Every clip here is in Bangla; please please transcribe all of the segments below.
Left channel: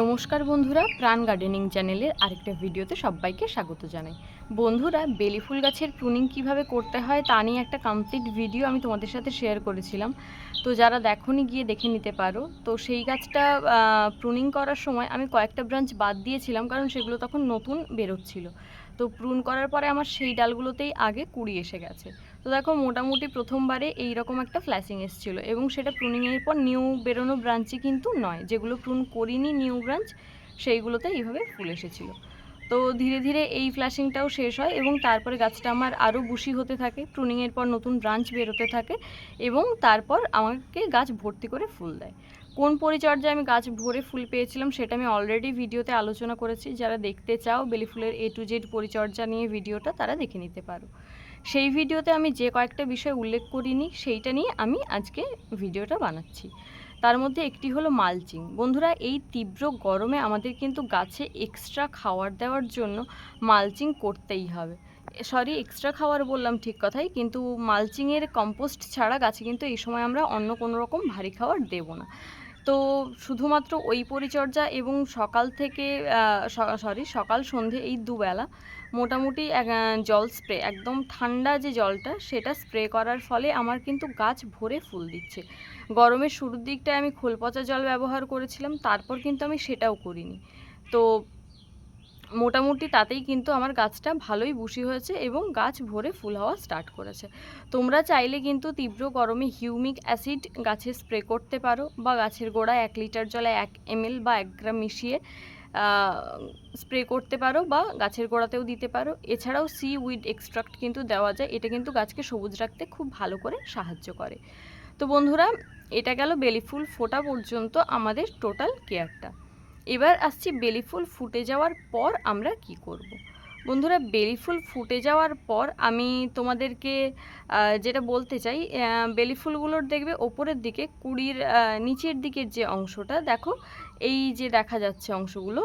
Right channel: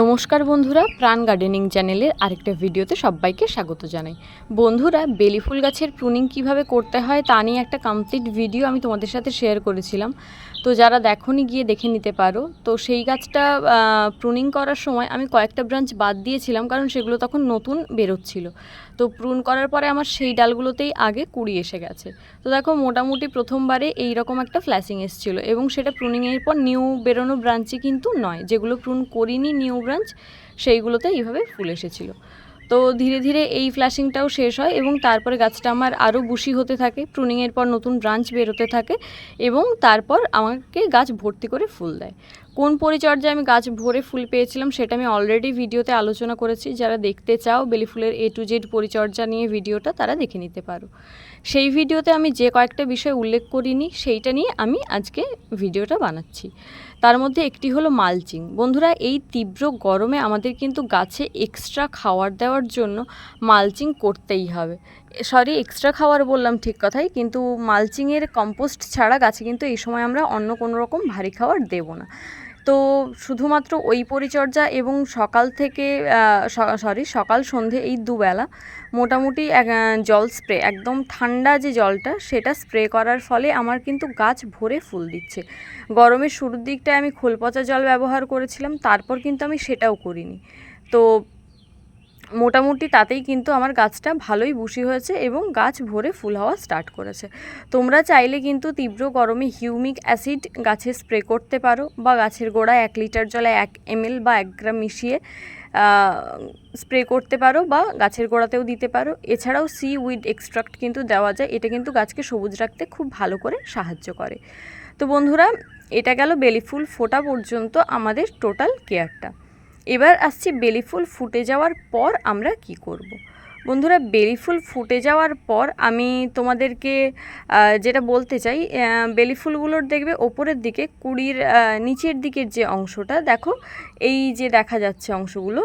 নমস্কার বন্ধুরা, প্রাণ গার্ডেনিং চ্যানেলের আরেকটা ভিডিওতে সবাইকে স্বাগত জানাই। বন্ধুরা, বেলি ফুল গাছের প্রুনিং কিভাবে করতে হয় তা নিয়ে একটা কমপ্লিট ভিডিও আমি তোমাদের সাথে শেয়ার করেছিলাম। তো যারা দেখোনি গিয়ে দেখে নিতে পারো। তো সেই গাছটা প্রুনিং করার সময় আমি কয়েকটা ব্রাঞ্চ বাদ দিয়েছিলাম, কারণ সেগুলো তখন নতুন বেরোচ্ছিল। তো প্রুন করার পরে আমার সেই ডালগুলোতেই আগে কুড়ি এসে গেছে। তো দেখো, মোটামুটি প্রথমবারে এইরকম একটা ফ্ল্যাশিং এসেছিলো, এবং সেটা প্রুনিংয়ের পর নিউ বেরোনো ব্রাঞ্চই কিন্তু নয়, যেগুলো প্রুন করিনি নিউ ব্রাঞ্চ সেইগুলোতে এইভাবে ফুল এসেছিলো। তো ধীরে ধীরে এই ফ্ল্যাশিংটাও শেষ হয়, এবং তারপরে গাছটা আমার আরও বুশি হতে থাকে, প্রুনিংয়ের পর নতুন ব্রাঞ্চ বেরোতে থাকে, এবং তারপর আমাকে গাছ ভর্তি করে ফুল দেয়। কোন পরিচর্যায় আমি গাছ ভরে ফুল পেয়েছিলাম সেটা আমি অলরেডি ভিডিওতে আলোচনা করেছি। যারা দেখতে চাও বেলি ফুলের A to Z পরিচর্যা নিয়ে ভিডিওটা, তারা দেখে নিতে পারো। সেই ভিডিওতে আমি যে কয়েকটা বিষয় উল্লেখ করিনি সেইটা নিয়ে আমি আজকে ভিডিওটা বানাচ্ছি। তার মধ্যে একটি হলো মালচিং। বন্ধুরা, এই তীব্র গরমে আমাদের কিন্তু গাছে এক্সট্রা খাবার দেওয়ার জন্য মালচিং করতেই হবে। এক্সট্রা খাবার বললাম ঠিক কথাই, কিন্তু মালচিংয়ের কম্পোস্ট ছাড়া গাছে কিন্তু এই সময় আমরা অন্য কোনো রকম ভারী খাবার দেব না। তো শুধুমাত্র ওই পরিচর্যা, এবং সকাল সন্ধে এই দুবেলা মোটামুটি জল স্প্রে, একদম ঠান্ডা যে জলটা সেটা স্প্রে করার ফলে আমার কিন্তু গাছ ভরে ফুল দিচ্ছে। গরমের শুরুর দিকটায় আমি খোল পচা জল ব্যবহার করেছিলাম, তারপর কিন্তু আমি সেটাও করিনি। তো মোটামুটি তাতেই কিন্তু আমার গাছটা ভালোই বুশি হয়েছে, এবং গাছ ভরে ফুল হওয়া স্টার্ট করেছে। তোমরা চাইলে কিন্তু তীব্র গরমে হিউমিক অ্যাসিড গাছে স্প্রে করতে পারো, বা গাছের গোড়ায় 1 লিটার জলে 1 ml বা 1 গ্রাম মিশিয়ে স্প্রে করতে পারো, বা গাছের গোড়াতেও দিতে পারো। এছাড়াও সি উইড এক্সট্রাক্ট কিন্তু দেওয়া যায়, এটা কিন্তু গাছকে সবুজ রাখতে খুব ভালো করে সাহায্য করে। তো বন্ধুরা, এটা গেল বেলি ফুল ফোটা পর্যন্ত আমাদের টোটাল কেয়ারটা। এবার আসছি বেলি ফুল ফুটে যাওয়ার পর আমরা কি করব। বন্ধুরা, বেলি ফুল ফুটে যাওয়ার পর আমি তোমাদেরকে যেটা বলতে চাই, বেলি ফুলগুলোর দেখবে ওপরের দিকে কুড়ির নিচের দিকের যে অংশটা দেখো, এই যে দেখা যাচ্ছে অংশগুলো,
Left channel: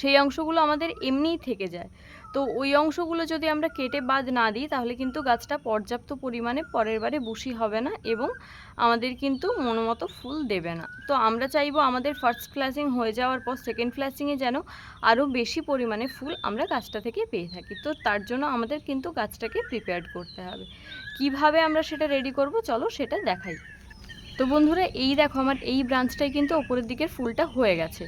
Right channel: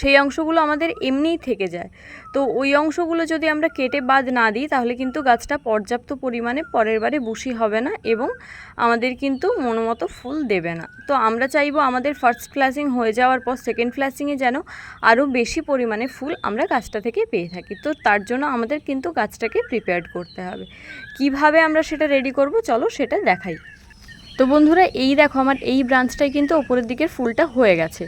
সেই অংশগুলো আমাদের এমনিই থেকে যায়। তো ওই অংশগুলো যদি আমরা কেটে বাদ না দিই, তাহলে কিন্তু গাছটা পর্যাপ্ত পরিমাণে পরের বারে বুশি হবে না, এবং আমাদের কিন্তু মনোমতো ফুল দেবে না। তো আমরা চাইবো আমাদের ফার্স্ট ফ্ল্যাশিং হয়ে যাওয়ার পর সেকেন্ড ফ্ল্যাশিংয়ে যেন আরও বেশি পরিমাণে ফুল আমরা গাছটা থেকে পেয়ে থাকি। তো তার জন্য আমাদের কিন্তু গাছটাকে প্রিপেয়ার করতে হবে। কিভাবে আমরা সেটা রেডি করব, চলো সেটা দেখাই। তো বন্ধুরা, এই দেখো, আমার এই ব্রাঞ্চটাই কিন্তু ওপরের দিকের ফুলটা হয়ে গেছে,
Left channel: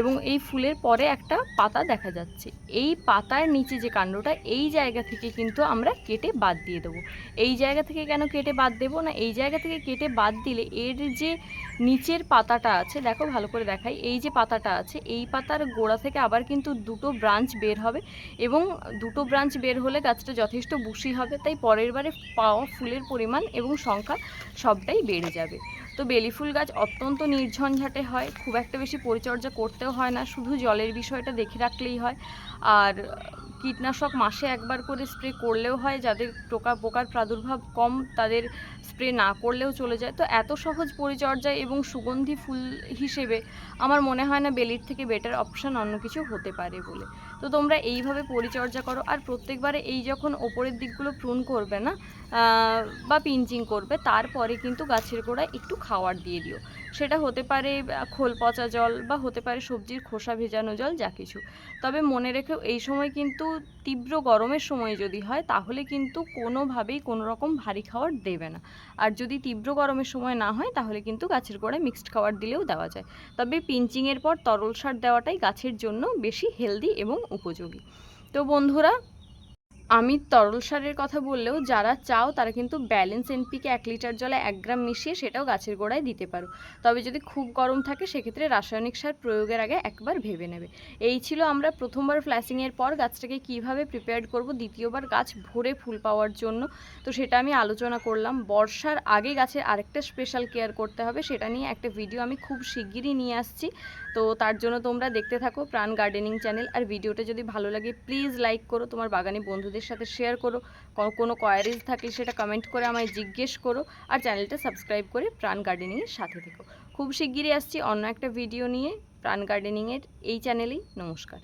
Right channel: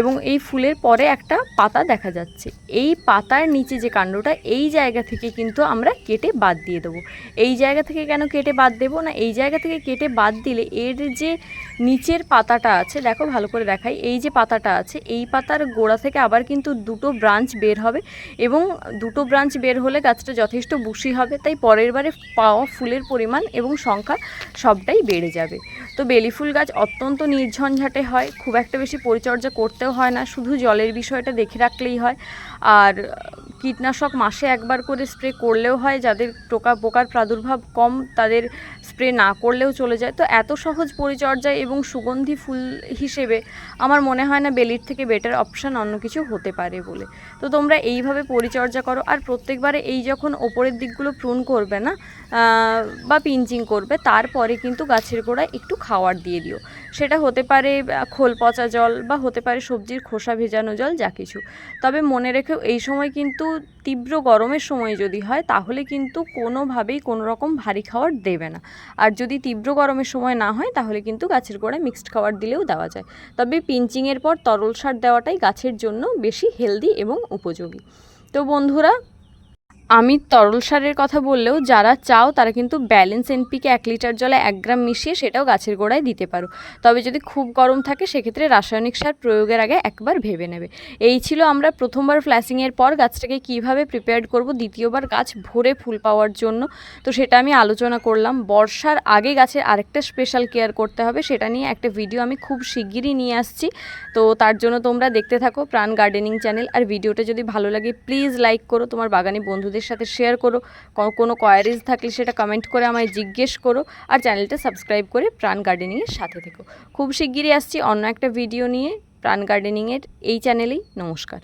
এবং এই ফুলের পরে একটা পাতা দেখা যাচ্ছে। এই পাতার নিচে যে কাণ্ডটা, এই জায়গা থেকে কিন্তু আমরা কেটে বাদ দিয়ে দেবো। এই জায়গা থেকে কেন কেটে বাদ দেবো না, এই জায়গা থেকে কেটে বাদ দিলে এর যে নিচের পাতাটা আছে, দেখো ভালো করে দেখাই, এই যে পাতাটা আছে, এই পাতার গোড়া থেকে আবার কিন্তু 2টো ব্রাঞ্চ বের হবে, এবং 2টো ব্রাঞ্চ বের হলে গাছটা যথেষ্ট বুশি হবে। তাই পরের বারে পাওয়া ফুলের পরিমাণ এবং সংখ্যা সবটাই বেড়ে যাবে। তো বেলি ফুল গাছ অত্যন্ত নির্ঝঞ্ঝাটে হয়, খুব একটা বেশি পরিচর্যা করতেও হয় না, শুধু জলের বিষয়টা দেখে রাখলেই হয়। আর কীটনাশক মাসে একবার করে স্প্রে করলেও হয়, যাদের পোকার প্রাদুর্ভাব কম তাদের স্প্রে না করলেও চলে যায়। তো এত সহজ পরিচর্যা এবং সুগন্ধি ফুল হিসেবে আমার মনে হয় না বেলির থেকে বেটার অপশান অন্য কিছু হতে পারে বলে। তো তোমরা এইভাবে পরিচর্যা করো, আর প্রত্যেকবারে এই যখন ওপরের দিকগুলো প্রুন করবে না বা পিঞ্চিং করবে, তারপরে কিন্তু গাছের গোড়ায় একটু খাওয়ার দিয়ে দিও। সেটা হতে পারে খোল পচা জল, বা হতে পারে সবজির খোসা ভেজানো জল, যা কিছু। তবে মনে রেখেও, এই সময় কিন্তু তীব্র গরমের সময় যদি হয়, তাহলে কিন্তু কোনোভাবেই কোনো রকম ভারী খাবার দেবে না। আর যদি তীব্র গরমের সময় না হয়, তাহলে কিন্তু গাছের গোড়ায় মিক্সড খাবার দিলেও দেওয়া যায়। তবে পিঞ্চিংয়ের পর তরল সার দেওয়াটাই গাছের জন্য বেশি হেলদি এবং উপযোগী। তো বন্ধুরা, আমি তরল সারের কথা বললেও যারা চাও তারা কিন্তু ব্যালেন্স NPK 1 লিটার জলে 1 গ্রাম মিশিয়ে সেটাও গাছের গোড়ায় দিতে পারো। তবে যদি খুব গরম থাকে, সেক্ষেত্রে রাসায়নিক সার প্রয়োগের আগে একবার ভেবে নেবে। এই ছিল আমরা প্রথমবার ফ্ল্যাশিংয়ের পর গাছটাকে কীভাবে প্রিপেয়ার করব দ্বিতীয়বার গাছ ভরে ফুল পাওয়ার জন্য। তো সেটা আমি আলোচনা করলাম। বর্ষার আগে গাছের আরেকটা স্পেশাল কেয়ার করতে হবে, সেটা নিয়ে একটা ভিডিও আমি খুব শিগগিরই নিয়ে আসছি। তো তার জন্য তোমরা দেখতে থাকো প্রাণ গার্ডেনিং চ্যানেল। আর ভিডিওটা যদি ভালো লাগে, প্লিজ লাইক করো, তোমার বাগানে বন্ধুদের সাথে শেয়ার করো। কোনো কোয়ারিজ থাকলে সেটা কমেন্ট করে আমায় জিজ্ঞেস করো, আর চ্যানেলটা সাবস্ক্রাইব করে প্রাণ গার্ডেনিংয়ের সাথে থেকো। খুব শিগগিরই আসছি অন্য একটা ভিডিও নিয়ে প্রাণ গার্ডেনিংয়ের এই চ্যানেলেই। নমস্কার।